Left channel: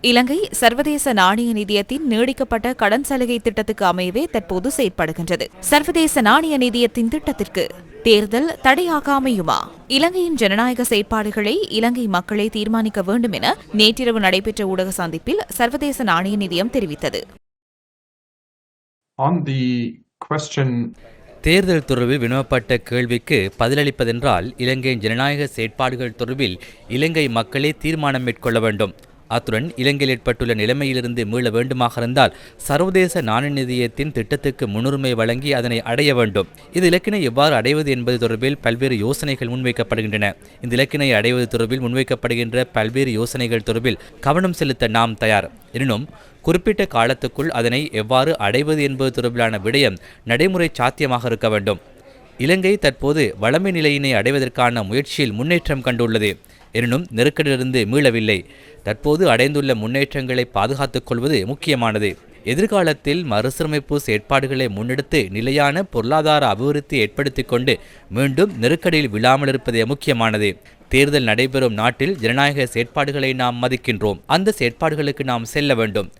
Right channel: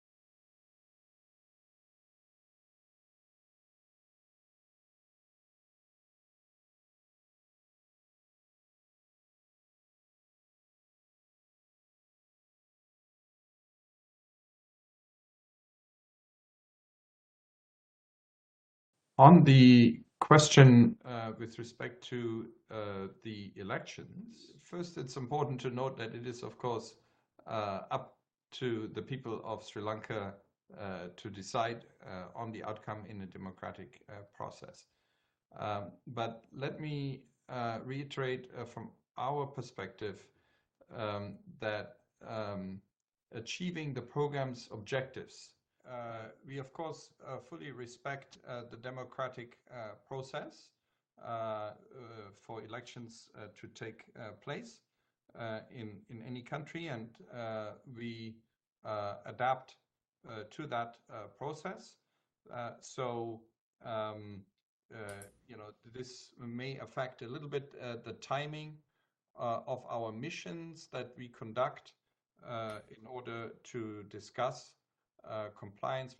இலங்கை சர்வதேச நாணய நிதியத்தின் நீடிக்கப்பட்ட கடன் சலுகை திட்டத்துக்கு அமையவே தற்போது செயற்படுகின்றது. சர்வதேச நாணய நிதியத்தின் திட்டத்திற்கு தேர்தல் தடையாக அமையுமா? இலங்கையின் ஜனநாயக செயற்பாடுகளை இலங்கை மக்களே தீர்மானிக்க வேண்டும் என நேற்றிரவு நடைபெற்ற ஊடக சந்திப்பில் சர்வதேச நாணய நிதியம் தெரிவித்தது. On the question தேர்தல் தொடர்பில் வினவப்பட்ட கேள்விக்கு பதிலளிப்பதென்றால் இலங்கையின் ஜனநாயக செயற்பாடுகள் தொடர்பில் இலங்கை மக்களே தீர்மானம் மேற்கொள்ள வேண்டும். அத்துடன் இலங்கையில் ஏற்பட்டுள்ள நிலைமையிலிருந்து மீள வேண்டுமாக இருந்தால் சர்வதேச நாணய நிதியத்தின் திட்டத்துக்கு முன்னுரிமை வழங்கி அதனை அடைய வேண்டும். இந்த இலக்கினை எவ்வாறு அடைவது என்பது தொடர்பில் பல்வேறு யோசனைகள் முன்வைக்கப்படுகின்றன. இந்த இலக்கினை அடைவது தொடர்பில் முன்வைக்கப்படுகின்ற பல்வேறு யோசனைகள் தொடர்பில் கவனம் செலுத்த நாம் தயார். எனினும் குறிப்பிட்ட காலத்துக்குள் அதனை எவ்வாறு அடைவது என்பது தொடர்பிலான விடயம் நடைமுறை சாத்தியமாக இருக்க வேண்டும். இலங்கை தற்போது வளமை நிலையினை அடைவதற்கான முயற்சியில் முன்னேற்றம் கண்டுள்ளது. எனினும் நெருக்கடியிலிருந்து மீளவில்லை. தற்போது அடைந்துள்ள முன்னேற்றங்களை பாதுகாத்துக் கொள்வது முக்கியமானது. எதிர்காலத்தில் மறுசீரமைப்பு செயற்பாடுகளை முன்னெடுத்து நிலையான பொருளாதார அபிவிருத்தி ஏற்படுத்திக் கொண்டு மீண்டும் நெருக்கடியில் விழாமல் இருப்பதே முக்கியமானது. தேர்தல் நடைபெறும் நாட்டில் ஜனநாயக செயற்பாடுகளை நாம் மதிக்கின்றோம். அந்த செயற்பாடுகளுக்கு நாம் செல்ல வேண்டும்.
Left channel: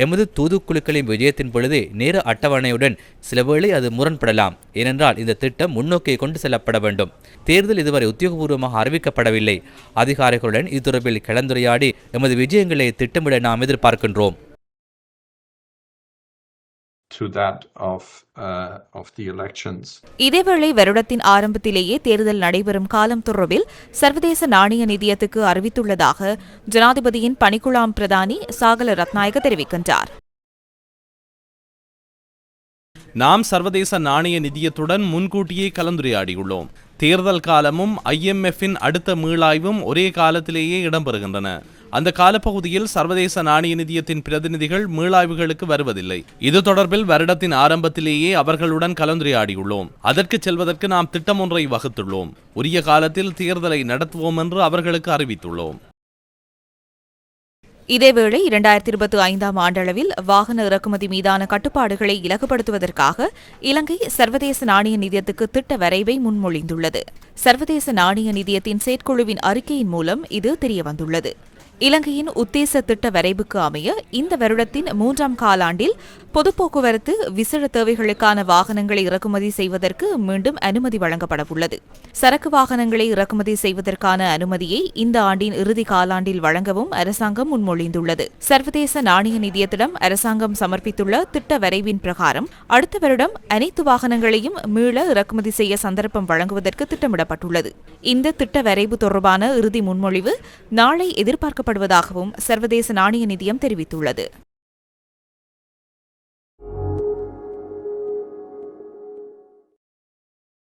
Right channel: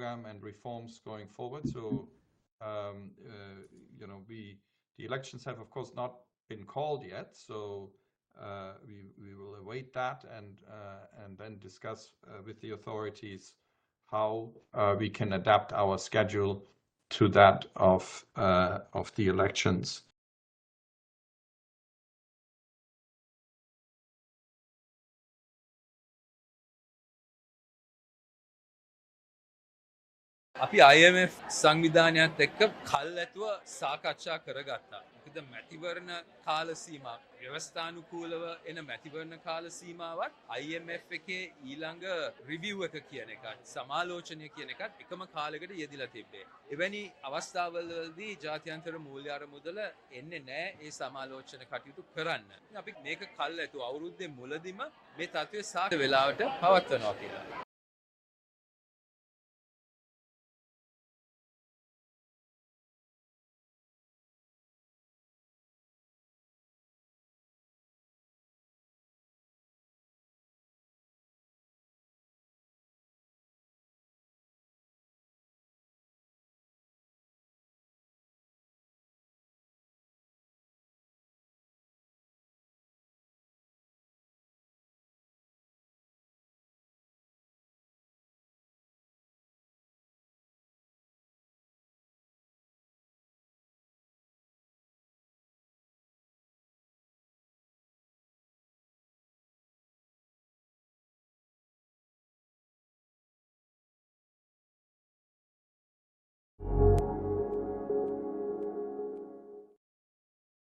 எமது தூதுக்குழுக்களின் விஜயத்தின் பொழுது நேர அட்டவணையுடன் சிலவேளை அது முரண்படலாம். ஏனென்றால் இந்த திட்டம் முன்னோக்கி கொண்டு செல்லப்பட வேண்டும். தேர்தல் இதுவரை உத்தியோகபூர்வமாக அறிவிக்கப்படவில்லை. அதிகாரிகளுடன் இது தொடர்பில் கலந்துரையாடி எமது விஜயங்களை திட்டமிட நாம் எதிர்பார்க்கின்றோம். Uh, we can adapt our schedule to that of uh, of the elections. இதேவேளை வருடத்தின் ஆரம்பத்திலேயே தேர்தல் நடைபெறும் காலம் தொடர்பில் சர்வதேச நாணய நிதியத்துக்கு அறிவித்துள்ளதாக ஜனாதிபதியின் பணிக்குழாம் பிரதானி சாகல ரத்நாயக தெரிவிக்கின்றார் நாம் சர்வதேச நாணய நிதியத்துடன் முன்கூட்டியே கலந்துரையாடியுள்ளோம். தேர்தல் காலமும் ஐஎம்எஃபின் அடுத்த மீளாய்வும் ஒரே காலத்திலேயே இடம்பெறுகின்றன. அந்த காலப்பகுதியில் சர்வதேச நாணய நிதியத்தின் பிரதிநிதிகள் மீளாய்வுகளுக்கு வருவதில்லை. இது தொடர்பில் வருடத்தின் ஆரம்பத்திலேயே அவர்களுடன் கலந்துரையாடியுள்ளோம். அதற்கு செல்வதற்கு நாம் திட்டம் ஒன்றை வகுத்துள்ளோம். உரிய காலத்தில் தேர்தலை நடத்துவோம் என்று அவர்களுக்கு அறிவித்துள்ளோம். இதேவேளை இரண்டாயிரத்தி இருபத்தி ஐந்தாம் ஆண்டளவில் வாகன இறக்குமதி மீதான கட்டுப்பாடுகளை இலகுபடுத்துவதற்காக இலங்கை சர்வதேச நாணய நிதியத்துக்கு திட்ட வரைவை முன்மொழிந்துள்ளது. சர்வதேச நாணய நிதியத்தின் செயற்குழுவின் அறிக்கையின் மூலம் இது தெரியவந்துள்ளது. இலங்கையின் உத்தேச திட்ட வரைவுக்கு அமைய இந்த வருடத்தின் மூன்றாம் காலாண்டில் பொது போக்குவரத்து விசேட தேவைகளுக்கான வாகனங்களை இறக்குமதி செய்வதற்கு மீண்டும் அனுமதி வழங்கப்படவுள்ளது. சரக்கு வாகனங்களை இறக்குமதி செய்வதற்கான அனுமதியை இந்த ஆண்டின் இறுதி காலாண்டில் வழங்கவும் அரசாங்கம் முன்மொழிந்துள்ளது. சர்வதேச நாணய நிதியத்திடம் அரசாங்கம் சமர்ப்பித்துள்ள திட்ட வரைவின் பிரகாரம் அடுத்த வருடம் அனைத்து வாகனங்களையும் மீள இறக்குமதி செய்ய சந்தர்ப்பம் வழங்குவதற்கு திட்டமிடப்பட்டுள்ளது. இந்த திட்ட வரைவு தொடர்பான இறுதி முன்மொழிவு நாளை எதிர்பார்க்கப்படுவதாகவும் சர்வதேச நாணய நிதியம் தெரிவித்துள்ளது.